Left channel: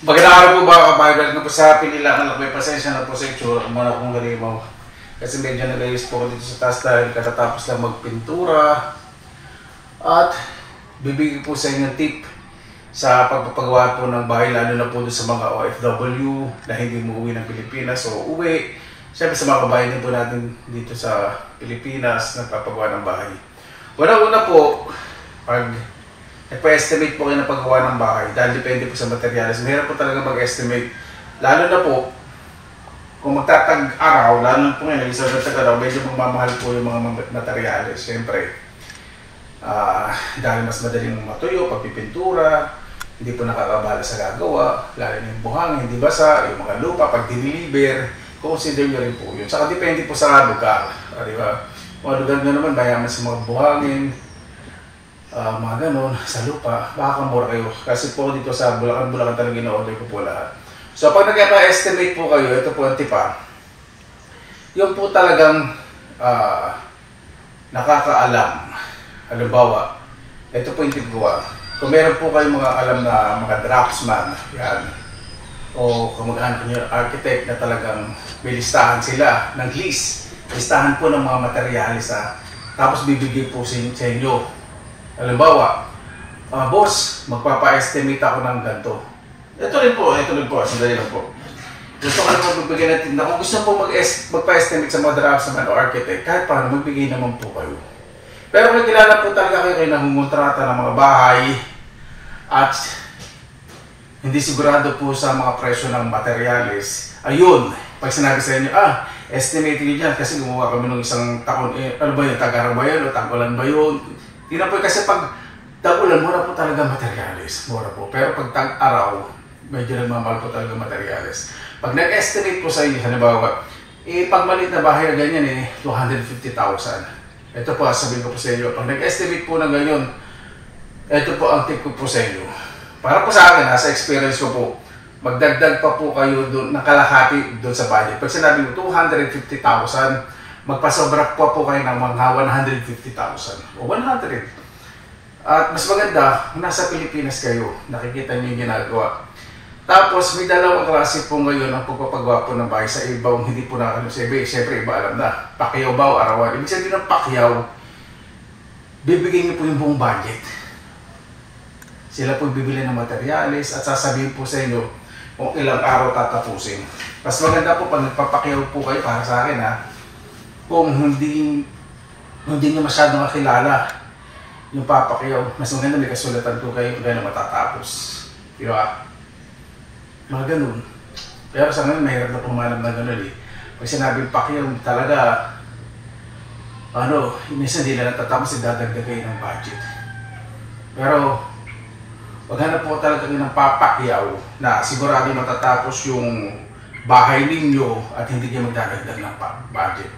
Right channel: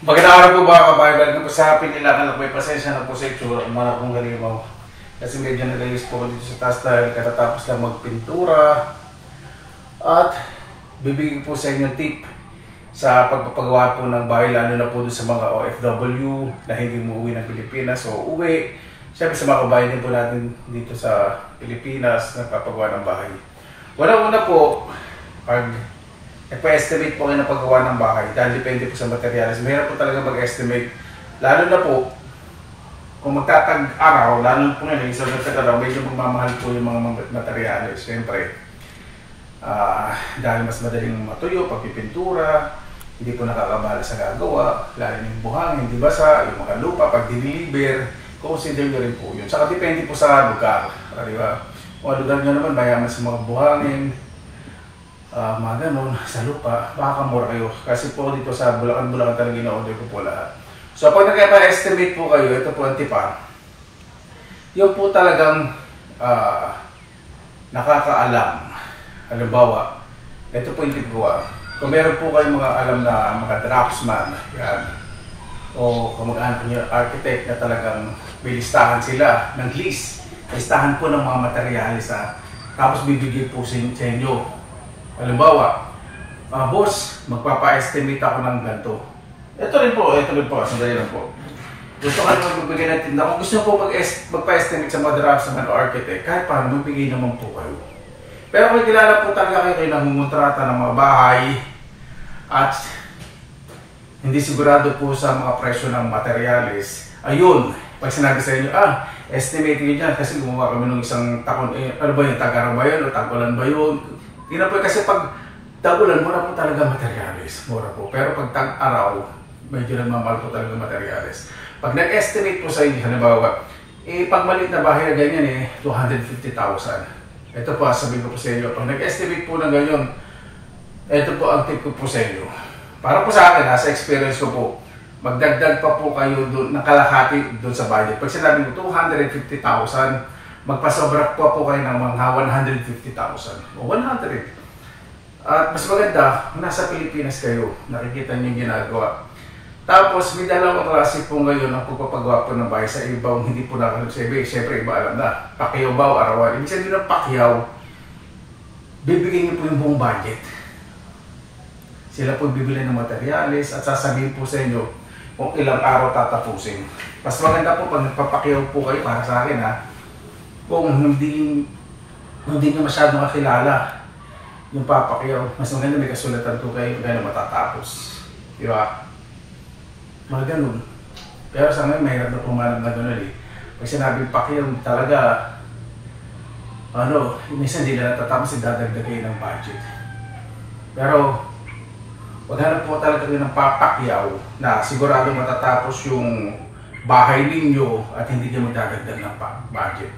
Magandang araw po mga kabayan ko po sa pinilangan ako may pasensya na po sa itsura kung mana kong galimaw. Kasi medyo nagayos po ako dito sa taas dahil katatapos lang magpintura. At bibigyan po sa inyo tip sa pagpapagawa po ng bahay, lalo na po doon sa mga OFW na hindi umuwi ng Pilipinas o uwi. Siyempre sa mga kabayan din po natin dito sa Pilipinas nagpapagawa ng bahay. Una po, pag nagpa-estimate po kayo ng paggawa ng bahay dahil depende po sa materials. Mahirap po talaga mag-estimate. Lalo na po, kung magtatag-araw, lalo na po ngayon, isang nagtag-araw, medyo magmamahal po yung mga materials. Siyempre, dahil mas madaling matuyo, pagpipintura, hindi po nakakabala sa gagawa, lalo na yung buhangin, hindi basa, yung mga lupa, pag diniliber, consider nyo rin po yun. Saka depende po sa lugar. Diba? Mga lugar nyo naman, mayaman sa mga buhangin, mga ganun, sa lupa, baka mura kayo. Kasi po dito sa Bulacan talaga ina-order ko po lahat. So pag nag-estimate po kayo, ito po ang tipa. Yung po talagang nakakaalam. Halimbawa, ito po yung tipuan. Kung meron po kayong mga alam na mga draftsman, yan, o kung mag-anak nyo architect na talagang may listahan sila ng list. Listahan po ng mga materialis tapos bibigay po sa inyo. Halimbawa, boss, magpapa-estimate ako ng ganito. Ito rin po, sandali lang po. Gusto ko lang magbibigay ng tinda. Kung gusto po magpa-estimate sa mga draftsman o architect, kahit paano, magbigay naman po kayo. Pero kung kilala po talaga kayo nangungontrata ng mga bahay at hindi sigurado po sa mga presyo ng materialis, ayun, pag sinabi sa inyo, estimate nyo dyan kasi gumawa kami ng isang takon, ano ba yun, tag-araw ba yun o tag-ulan ba yun? Tingnan po kasi pag tag-ulan, mura po talaga materialis, mura po. Pero pag tag-araw, medyo nagmamahal po talaga materialis. Pag nag-estimate po sa inyo, halimbawa, pag maliit na bahay na ganyan 250,000. Ito po, sabihin ko po sa inyo, pag nag-estimate po ng ganyan, ito po ang tip ko po sa inyo. Para po sa akin, sa experience ko po, magdagdag pa po kayo doon, ng kalahati doon sa budget. Pag sinabi mo 250,000, magpasobra po kayo ng mga 150,000 o 100. At mas maganda, nasa Pilipinas kayo, nakikita niyo yung ginagawa. Tapos may dalawang klase po ngayon ang pagpapagawa po ng bahay sa ibaw, hindi po nakakalim sa iba. Siyempre iba alam na, Pacquiao ba o arawan. Ibig sabihin ng Pacquiao, bibigyan niyo po yung buong budget. Sila po bibili ng materialis at sasabihin po sa inyo kung ilang araw tatapusin. Mas maganda po pag nagpapakyaw po kayo, para sa akin kung hindi nyo masyadong kakilala yung papakyaw, mas maganda may kasulatan ko kayo kaya na matatapos. Diba? Mga ganun. Pero sa ngayon, mahirap na pumanap na ganun Pag sinabing pakyaw, talaga, minsan hindi na natatapos, dadagdag kayo ng budget. Pero, maghanap po talaga kayo ng papakyaw na sigurado matatapos yung bahay ninyo at hindi nyo magdadagdag ng budget.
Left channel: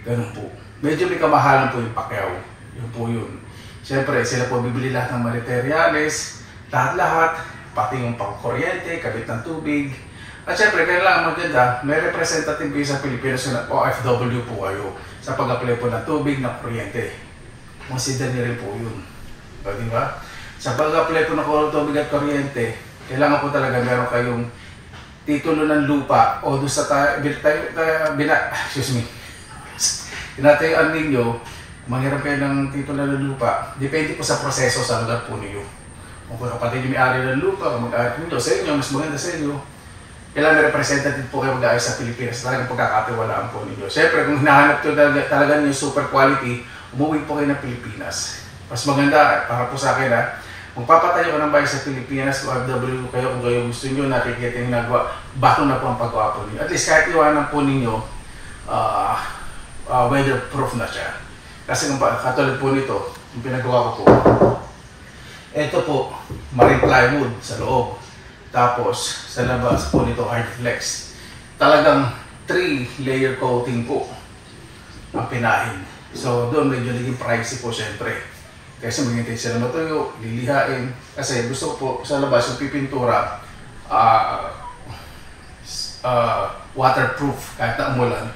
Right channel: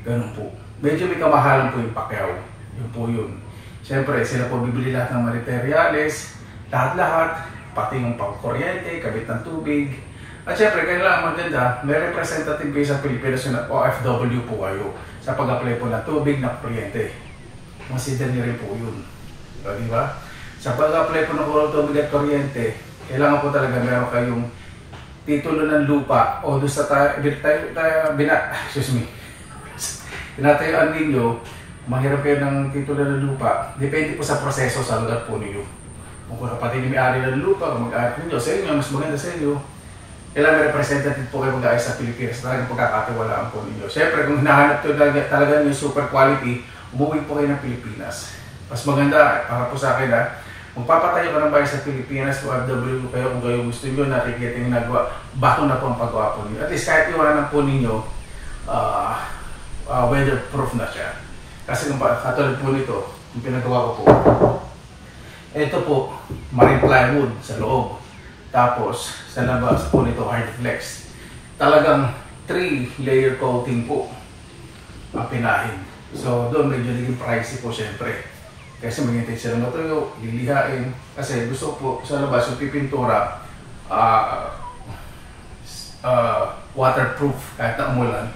Ganun po. Medyo may kamahalan po yung pakyaw. Yun po yun. Siyempre, sila po bibili lahat ng materials, lahat-lahat, pati yung pangkuryente, kabit ng tubig. At siyempre, kailangan maganda, may representative kayo sa Pilipinas na OFW po kayo sa pag-apply po ng tubig, ng kuryente. Consider nyo rin po yun. Di ba? Sa pag-apply po ng tubig at kuryente, kailangan po talaga meron kayong titulo ng lupa o doon sa tinatayuan ninyo, mahirap kayo ng titulo ng lupa. Depende po sa proseso sa lugar po ninyo. Kung kapatid nyo may-ari ng lupa, kung mag-aari ninyo sa inyo, mas maganda sa inyo, kailangan may representative po kayo mag-aari sa Pilipinas. Talagang pagkakatiwalaan po ninyo. Siyempre, kung hinahanap ito talaga yung super quality, umuwi po kayo ng Pilipinas. Mas maganda, para po sa akin magpapatayo ka ng bahay sa Pilipinas, OFW kayo kung kayo gusto nyo, nakikita yung nagawa, bato na po ang paggawa po ninyo. At least kahit iwanan po ninyo, weatherproof na siya. Kasi kung katulad po nito, yung pinagawa ko po, ito po, marine plywood sa loob. Tapos, sa labas po nito, Hardflex. Talagang 3-layer coating po ang pinahin. So, doon medyo naging pricey po syempre. Kasi maghintay sila matuyo, lilihain. Kasi gusto po sa labas yung pipintura, waterproof kahit na umulan.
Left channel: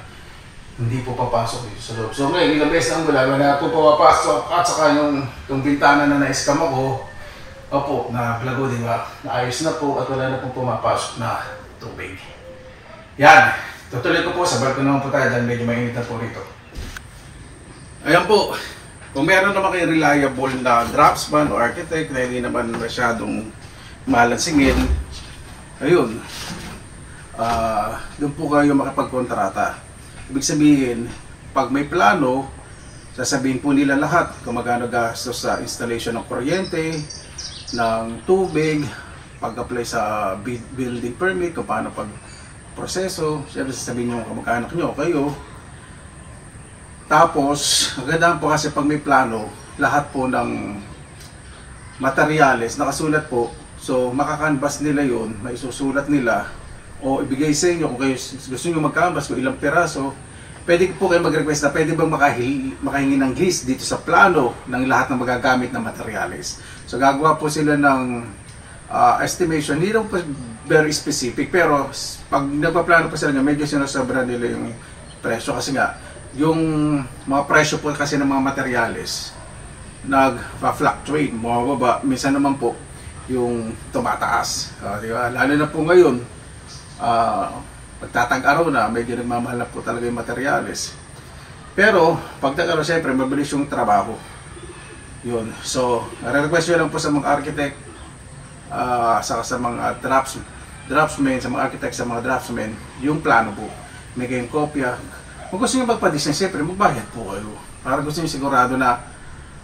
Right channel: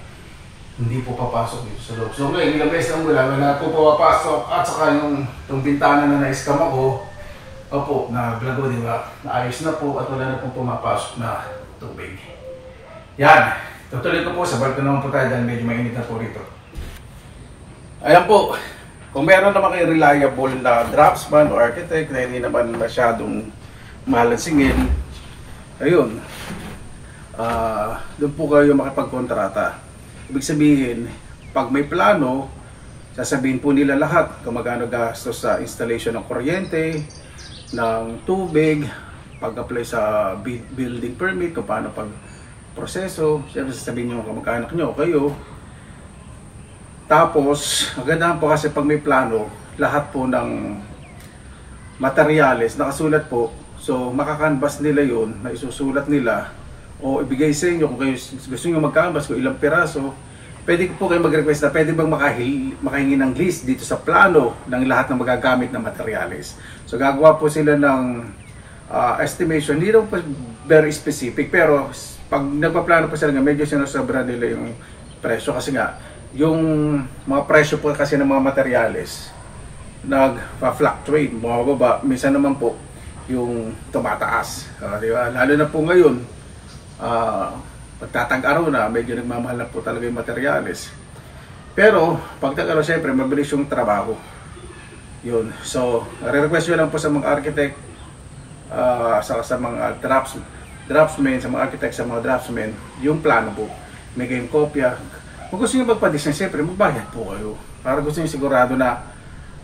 Hindi po papasok dito sa loob. So ngayon, ilang beses na umulan, wala po papasok at saka yung bintana na na-scam ako, Opo, naglago din ba? Naayos na po at wala na pong pumapasok na tubig. Yan, tutuloy ko po, sabay ko naman po tayo dahil medyo mainit na po rito. Ayan po, kung meron naman kayo reliable na draftsman o architect na hindi naman masyadong malansingin, ayun, doon po kayo makapagkontrata. Ibig sabihin, pag may plano, sasabihin po nila lahat kung magkano gastos sa installation ng kuryente, ng tubig, pag-apply sa building permit, kung paano pag-proseso, siyempre sasabihin nyo kung magkano nyo, kayo. Tapos, magandaan po kasi pag may plano, lahat po ng materyales nakasulat po, so makakanvas nila yun, na isusulat nila, o ibigay sa inyo kung kayo gusto nyo mag-canvas kung ilang piraso. Pwede po kayo mag-request na pwede bang makahingi ng list dito sa plano ng lahat ng magagamit na materyales. So gagawa po sila ng estimation, hindi po very specific, pero pag nagpaplano po sila nga, medyo sinasobra nila yung presyo kasi nga, yung mga presyo po kasi ng mga materyales nag-fluctuate, bumababa, minsan naman po yung tumataas, di ba? Lalo na po ngayon, pagtatag-araw na, medyo nagmamahal na po talaga yung materyales. Pero, pagtag-araw, siyempre, mabilis yung trabaho. Yun. So, re-request nyo lang po sa mga architect, sa mga draftsmen, sa mga architect, sa mga draftsmen, yung plano po. May kayong kopya. Kung gusto nyo magpa-design, siyempre, magbayad po kayo. Para gusto nyo sigurado na,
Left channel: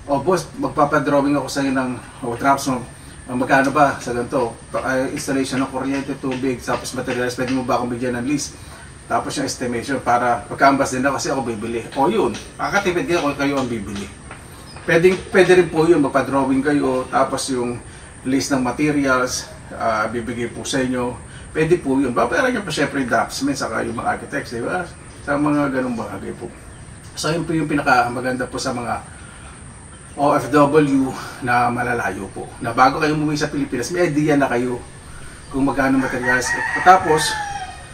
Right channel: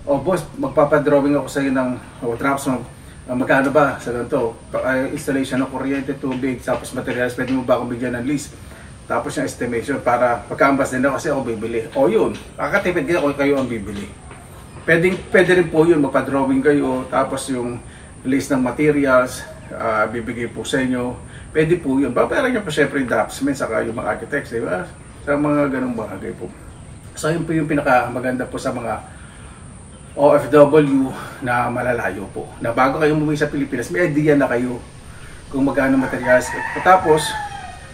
boss, magpapadrawing ako sa inyo ng draftsman, magkano ba sa ganito? Installation ng kuryente, tubig, tapos materials, pwede mo ba akong bigyan ng list? Tapos yung estimation para pagka-ambas din ako kasi ako bibili. O yun, kakatipid kayo kung kayo ang bibili. Pwede rin po yun, magpa-drawing kayo, tapos yung list ng materials, bibigay po sa inyo. Pwede po yun. Babayaran nyo po syempre yung draftsmen, saka yung mga architects, di ba? Sa mga ganong bagay po. So yun po yung pinakamaganda po sa mga OFW na malalayo po. Na bago kayo umuwi sa Pilipinas, may idea na kayo kung magkano materials. Tapos,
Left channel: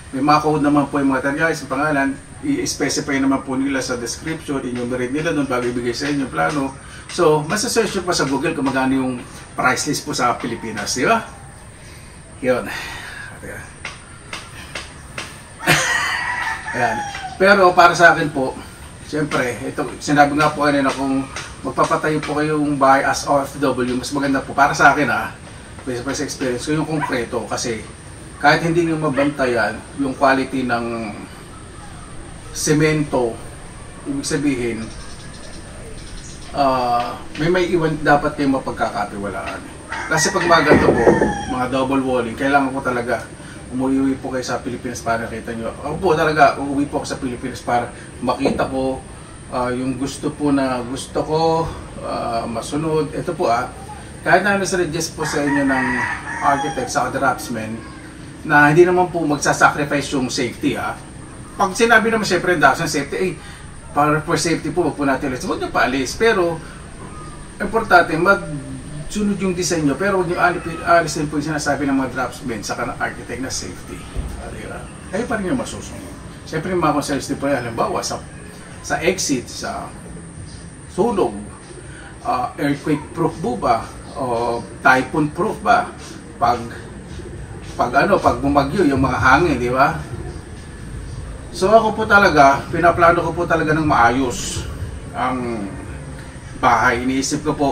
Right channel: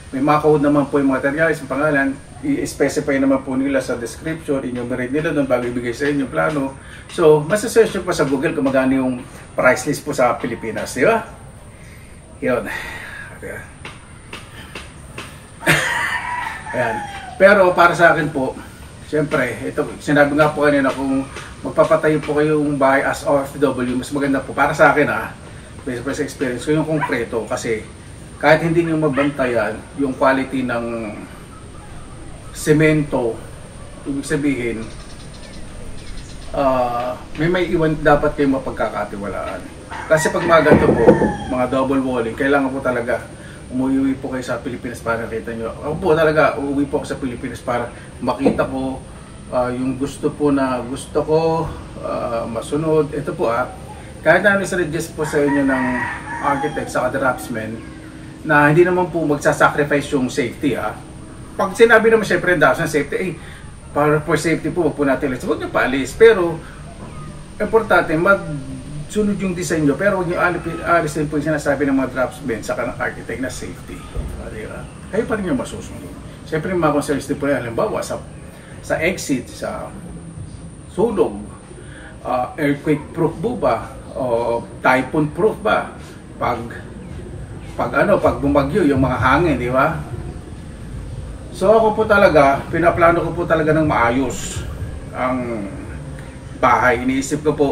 may mga code naman po yung materials, yung pangalan, i-specify naman po nila sa description, enumerate nila doon bago ibigay sa inyo yung plano. So, masasearch nyo pa sa Google kung magkano yung price list po sa Pilipinas, di ba? Yun. Okay. Ayan. Pero para sa akin po, siyempre, ito, sinabi nga po kanina kung magpapatayo po kayong bahay as OFW, mas maganda po para sa akin based on experience ko yung konkreto kasi kahit hindi nyo mabantayan yung quality ng semento, ibig sabihin may iwan dapat kayong mapagkakatiwalaan. Kasi pag mga ganito po, mga double walling, kailangan po talaga umuwi po kayo sa Pilipinas para nakita nyo. Ako po talaga, uuwi po ako sa Pilipinas para makita ko yung gusto po na gusto ko masunod. Ito po kahit na suggest po sa inyo ng architect sa draftsman na hindi naman po magsasacrifice yung safety Pag sinabi naman syempre yung safety, para for safety po, wag po natin alis. Huwag nyo paalis. Pero, importante, magsunod yung design nyo. Pero huwag nyo alisin po yung sinasabi ng mga draftsmen sa ng architect na safety. Kayo pa rin yung masusunod. Siyempre, yung mga concerns din po yan, halimbawa, sa exit, sa sunog, earthquake proof ba o typhoon proof ba pag bumagyo yung mga hangin, di ba? So ako po talaga, pinaplano ko po talaga ng maayos ang bahay. Iniisip ko po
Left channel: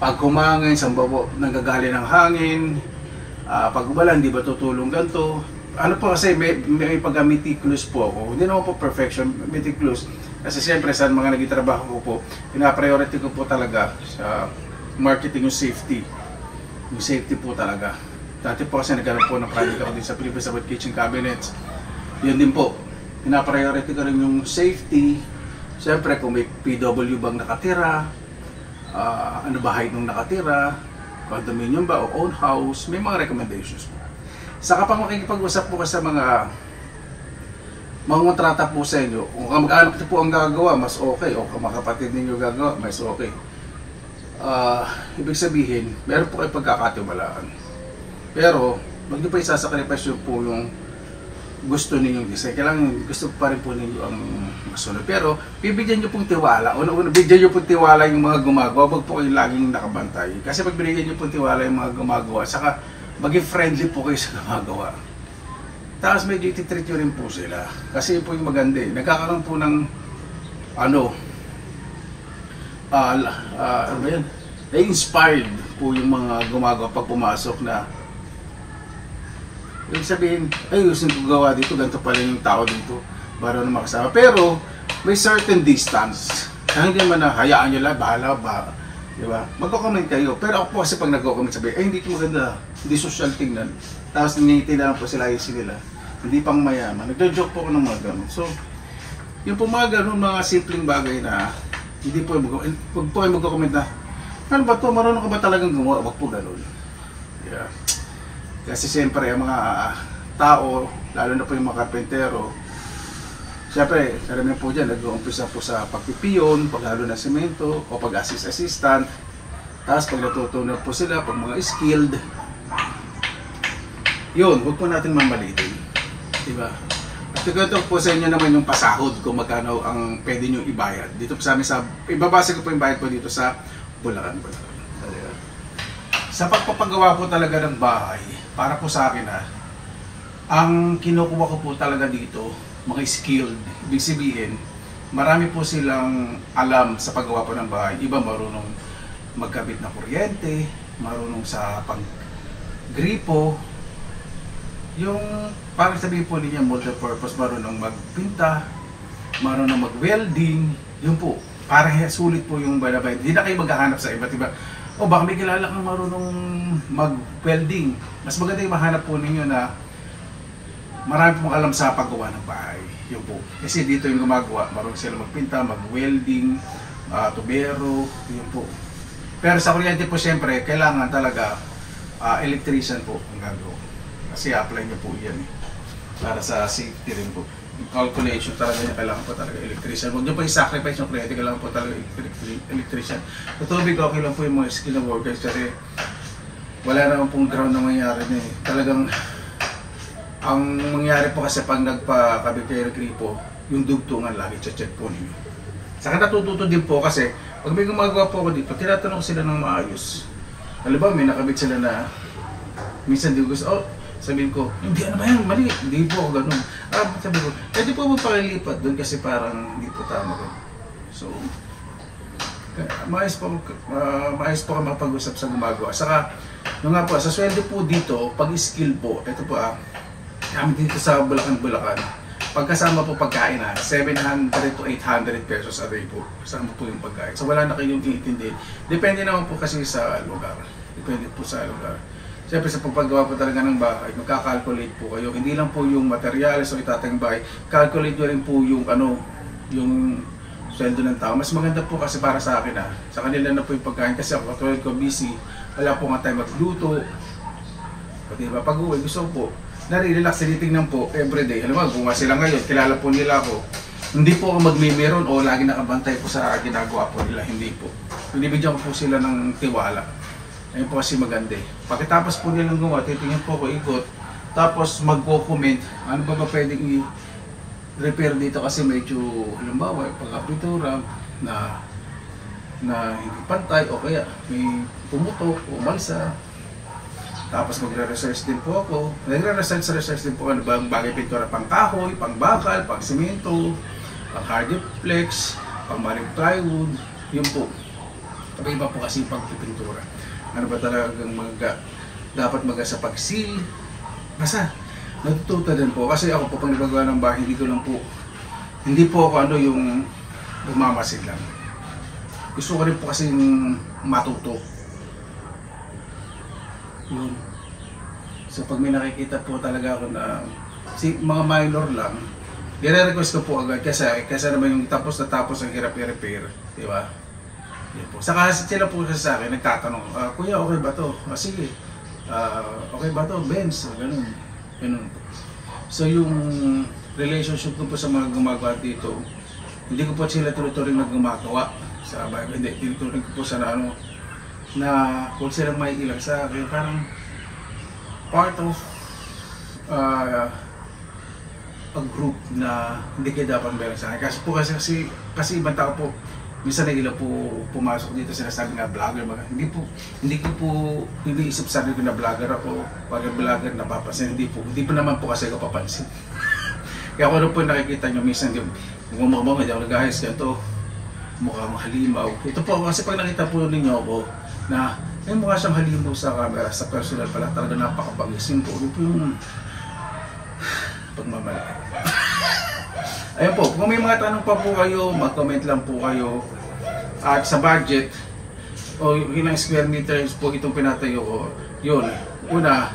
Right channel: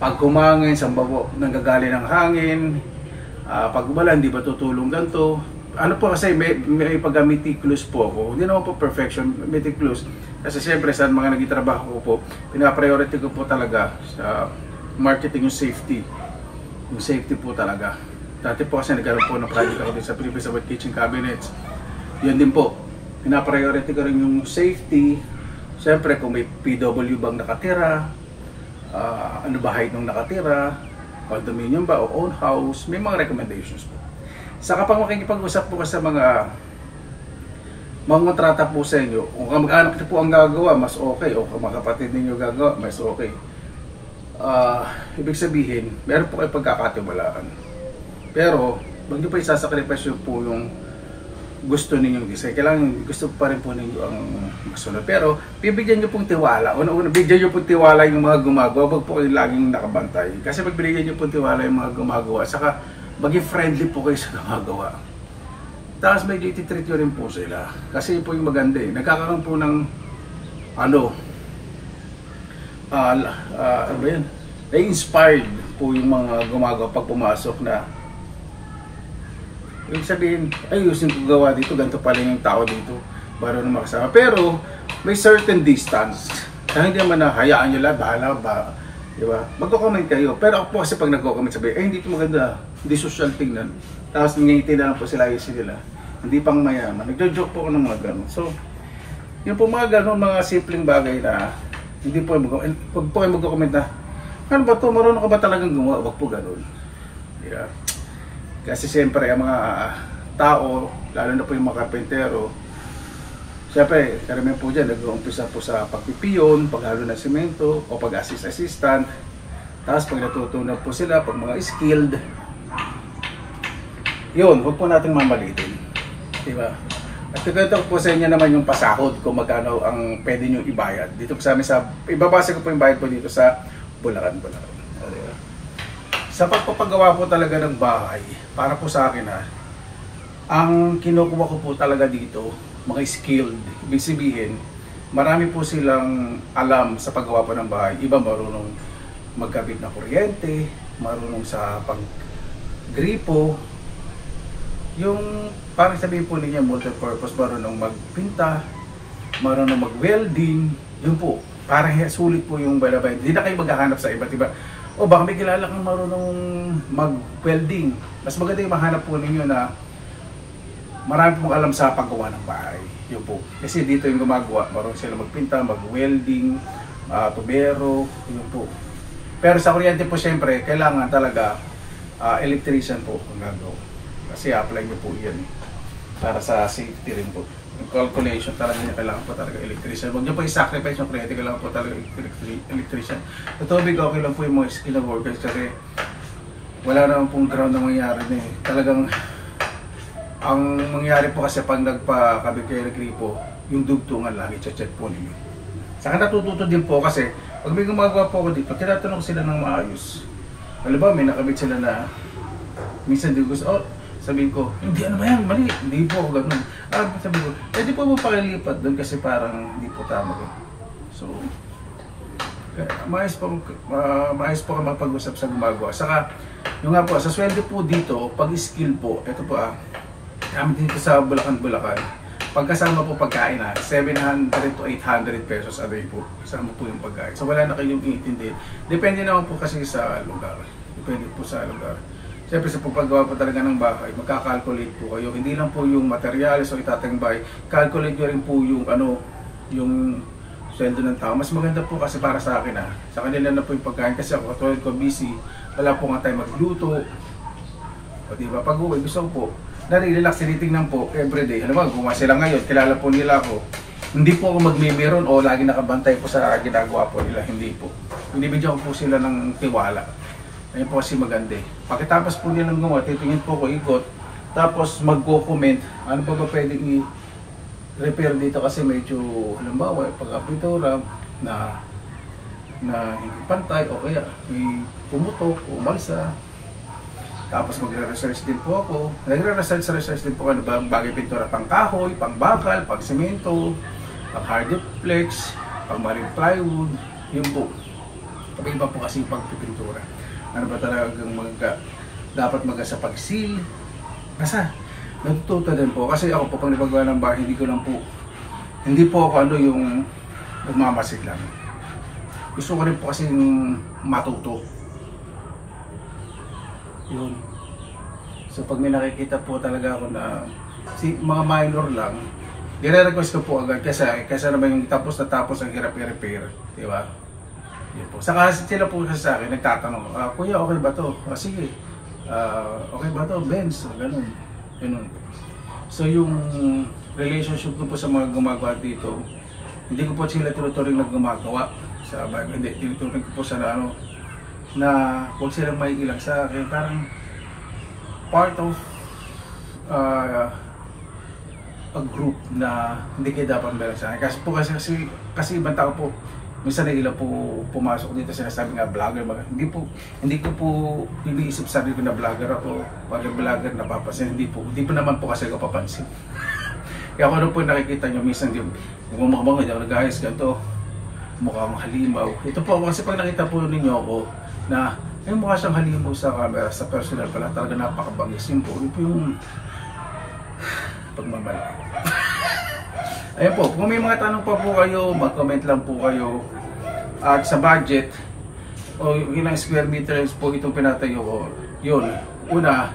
pag kumangin, saan ba po nanggagaling ng hangin, pag umalan, di ba tutulong ganito. Ano po kasi may pag-meticulous po ako, hindi naman po perfection, meticulous. Kasi siyempre sa mga nagtitrabaho ko po, pina-priority ko po talaga sa marketing yung safety. Yung safety po talaga. Dati po kasi nagkaroon po ng project ako din sa Philippines about kitchen cabinets. Yun din po, pina-priority ko rin yung safety. Siyempre kung may PW bang nakatira, ano ba height nung nakatira, condominium ba o own house, may mga recommendations po. Saka pang makikipag-usap po sa mga kontrata po sa inyo. Kung kamag-anak po ang gagawa, mas okay. O kung mga kapatid ninyo gagawa, mas okay. Ibig sabihin, meron po kayo pagkakatiwalaan. Pero, huwag nyo pa isasacrifice po yung gusto ninyong design. Kailangan gusto pa rin po ninyo ang masunod. Pero bibigyan nyo pong tiwala. Una-una, bigyan nyo pong tiwala yung mga gumagawa. Huwag po kayo laging nakabantay. Kasi pag binigyan nyo pong tiwala yung mga gumagawa, saka maging friendly po kayo sa gumagawa. Tapos medyo ititreat nyo rin po sila. Kasi po yung maganda eh. Nagkakaroon po ng inspired po yung mga gumagawa pag pumasok na ibig sabihin, ay gusto ko gawa dito, ganito pala yung tao dito para na makasama. Pero may certain distance. Kaya hindi naman na hayaan nyo lang, bahala ba, di ba? Magko-comment kayo. Pero ako po kasi pag nagko-comment sabi, ay hindi ko maganda, hindi social tingnan. Tapos nangingiti na lang po sila, ayusin nila. Hindi pang mayaman. Nagdo-joke po ako ng mga gano'n. So, yung po mga gano'n, mga simpleng bagay na hindi po pag po kayo magko-comment na, ano ba ito, marunong ka ba talagang gumawa? Wag po gano'n. Yeah. Kasi siyempre ang mga tao, lalo na po yung mga karpentero, siyempre, karamihan po dyan, nag-uumpisa po sa pagpipiyon, paghalo ng semento, o pag-assistant. Tapos pag natutunan po sila, pag mga skilled, yun, huwag po natin mamalitin. Diba? At ito po sa inyo naman yung pasahod kung magkano ang pwede nyo ibayad. Dito po sa amin, ibabasa ko po yung bayad po dito sa Bulacan. Sa pagpapagawa po talaga ng bahay, para po sa akin ang kinukuha ko po talaga dito, mga skilled. Ibig sabihin, marami po silang alam sa paggawa po ng bahay. Iba marunong magkabit na kuryente, marunong sa paggripo, yung parang sabihin po niya multi-purpose, marunong magpinta, marunong mag-welding, yun po. Parang sulit po yung balabay. Hindi na kayo maghahanap sa iba't iba. O baka may kilala kang marunong mag-welding. Mas maganda yung mahanap po ninyo na marami pong alam sa paggawa ng bahay. Yun po. Kasi dito yung gumagawa, marunong sila magpinta, mag-welding, tubero, yun po. Pero sa kuryente po siyempre, kailangan talaga electrician po kung gagawin. Kasi apply nyo po yan para sa safety rin po. Yung calculation talaga niya, kailangan po talaga electrician. Huwag nyo pa i-sacrifice yung kuryente, kailangan po talaga electrician. Sa tubig, okay lang po yung mga skill ng workers kasi wala naman pong ground na mangyari niya eh. Talagang ang mangyari po kasi pag nagpakabit kayo ng gripo, yung dugtungan lagi, check po ninyo. Saka natututo din po kasi pag may gumagawa po ako dito, tinatanong sila ng maayos. Alam ba, may nakabit sila na minsan di gusto, sabihin ko, hindi ano ba yan, mali, hindi po ganun. Sabi ko, di po magpakilipat doon kasi parang hindi po tama ko. So, maayos po ka mapag-usap sa gumagawa. Saka, yung nga po, sa sweldo po dito, pag skill po, ito po kami dito sa Bulacan, pagkasama po pagkain 700 to 800 pesos a day po. Kasama po yung pagkain. So, wala na kayong iintindihin. Depende naman po kasi sa lugar. Depende po sa lugar. Siyempre sa pagpagawa po talaga ng bahay, magkakalculate po kayo. Hindi lang po yung materials o itatayong bahay, calculate nyo rin po yung yung sweldo ng tao. Mas maganda po kasi para sa akin sa kanila na po yung pagkain kasi ako katulad ko busy, wala po nga tayo magluto. O diba, pag uwi, gusto ko po, nare-relax, tinitingnan po everyday. Alam mo, gumawa sila ngayon, kilala po nila ako. Hindi po ako magmimiron o lagi nakabantay po sa ginagawa po nila, hindi po. Binibigyan ko po sila ng tiwala. Ayun po kasi maganda. Pagkatapos po nilang gumawa, titingin po ko ikot, tapos mag-comment, ano ba pwedeng i-repair dito kasi medyo, halimbawa, pagka-pintura na hindi pantay o kaya may pumutok o umalsa. Tapos magre-research din po ako. Nagre-research din po ano ba bagay pintura, pang kahoy, pang bakal, pang semento, pang hardiplex, pang marine plywood, yun po. Iba po kasi yung pagpipintura. Ano ba talagang dapat sa pag-seal. Basta, natututo din po. Kasi ako po, pag nagagawa ng bahay, hindi po ako yung umamasid lang. Gusto ko rin po kasi matuto. Yun. So pag may nakikita po talaga ako na mga minor lang, dire-request ko po agad kasi naman yung tapos ang hirap i-repair. Di ba? Po. Saka sila po sa akin nagtatanong, Kuya, okay ba to? Sige, okay ba to? Benz, ganun. So yung relationship ko po sa mga gumagawa dito, hindi ko po sila tinuturing na gumagawa sa bahay. Hindi, tinuturing ko po sa na huwag silang maiilang sa akin. Parang part of group na hindi kayo dapat meron sa akin. Kasi ibang tao po, minsan na ilang po pumasok dito, sinasabi nga vlogger, hindi ko po iniisip sarili ko na vlogger ako, pag vlogger napapansin, hindi po naman po kasi ako papansin. Kaya kung ano po nakikita nyo, minsan yung mga hindi ako nag-ayos, ganito, mukhang halimaw. Ito po, kasi pag nakita po ninyo ako na may mukha siyang halimaw sa camera, sa personal pala, talaga napakabangis. Yun po yung pagmamalaki. Ayun po, kung may mga tanong pa po kayo, mag-comment lang po kayo. At sa budget, o ilang square meters po itong pinatayo ko, yun, una,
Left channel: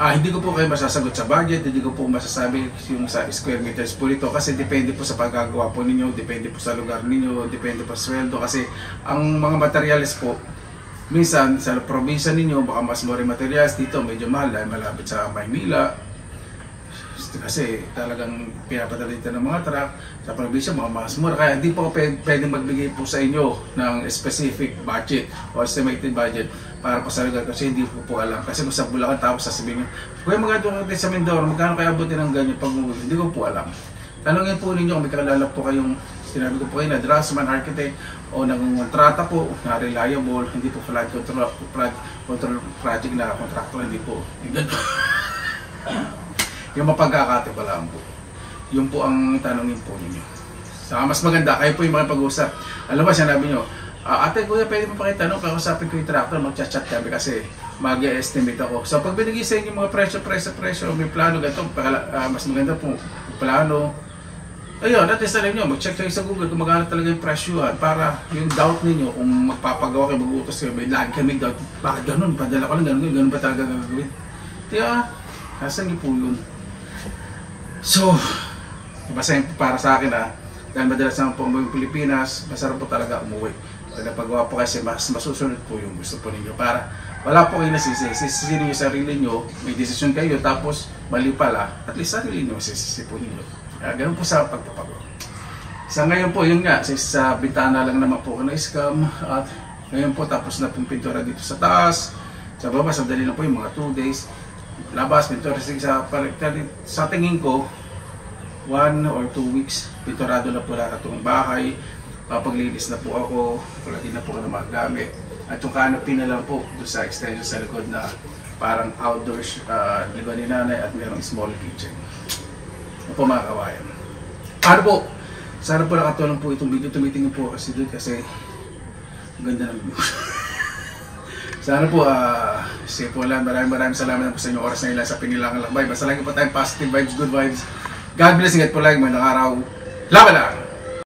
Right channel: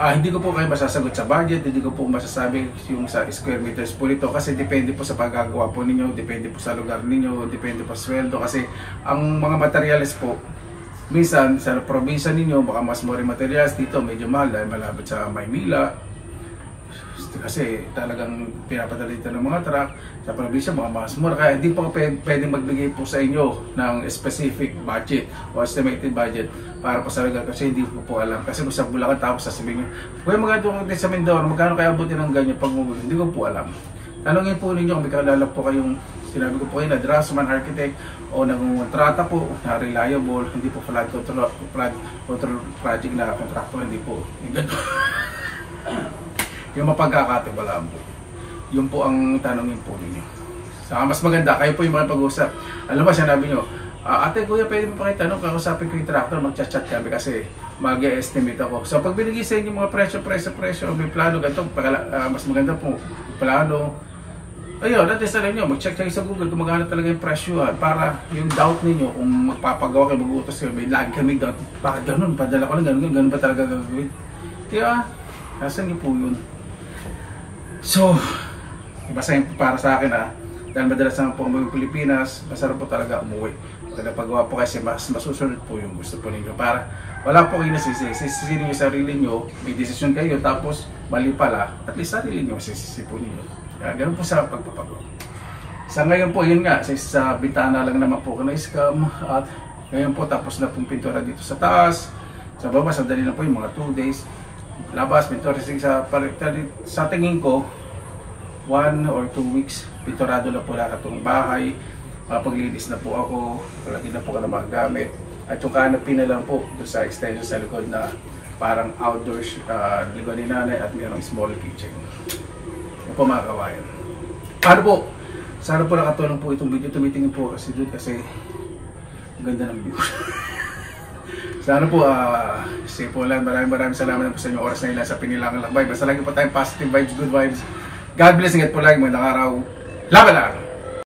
hindi ko po kayo masasagot sa budget, hindi ko po masasabi yung sa square meters po nito kasi depende po sa paggagawa po ninyo, depende po sa lugar ninyo, depende po sa sweldo kasi ang mga materials po, minsan sa probinsya ninyo baka mas more materials, dito medyo mahal dahil malapit sa Maynila kasi talagang pinapadala dito ng mga truck sa probinsya mga mas mura, kaya hindi po pwede magbigay po sa inyo ng specific budget o estimated budget para po sa lugar kasi hindi ko po alam kasi kung sa Bulacan tapos sasabihin nyo kung magkano din sa Mindoro, magkano kaya abutin ng ganyan pag hindi ko po alam. Tanongin po ninyo kung may kakilala po kayong sinabi ko po kayo na draftsman, architect o nagkontrata po na reliable, hindi po flood control project na contractor, hindi po yung mapagkakatiwalaan po. Yun po ang tanongin po ninyo. Saka mas maganda, kayo po yung mga pag-uusap. Alam ba, sinabi nyo, ate kuya, pwede mo pa kayo tanong, kakusapin ko yung tractor, mag-chat-chat kami kasi mag-estimate ako. So pag binigay sa inyo mga presyo, may plano, ganito, mas maganda po, plano. Ayun, at least alam nyo, mag-check kayo sa Google kung magkano talaga yung presyo para yung doubt ninyo, kung magpapagawa kayo, mag-utos kayo, may lagi kami doubt, bakit ganun, padala ko lang ganun ba talaga gagawin? Kaya, nasan niyo po yun? So, basta yung para sa akin dahil madalas naman po umuwi Pilipinas, masarap po talaga umuwi. Pag napagawa po kasi mas masusunod po yung gusto po ninyo. Para wala po kayo nasisi, sisisi niyo sarili niyo, may desisyon kayo tapos mali pala, at least sarili niyo sisisi po ninyo. Kaya ganun po sa pagpapagawa. Sa ngayon po, yun nga, sa bintana lang naman po na-scam at ngayon po tapos na pong pintura dito sa taas. Sa baba, sandali lang po yung mga 2 days. Labas, pintura sa tingin ko 1 or 2 weeks pinturado na po lahat itong bahay, paglinis na po ako, palagi na po ka ng mga gamit at yung canopy na lang po doon sa extension sa likod na parang outdoors likod ni nanay at mayroong small kitchen. Ano po mga kawayan, ano po, sana po nakatulong po itong video, tumitingin po kasi doon kasi ang ganda ng view. Sana po, sige po lang, maraming salamat po sa inyong oras na ilan sa Pinilangan Lakbay. Basta lagi po tayong positive vibes, good vibes. God bless, ingat po lagi, magandang araw. Laban lang!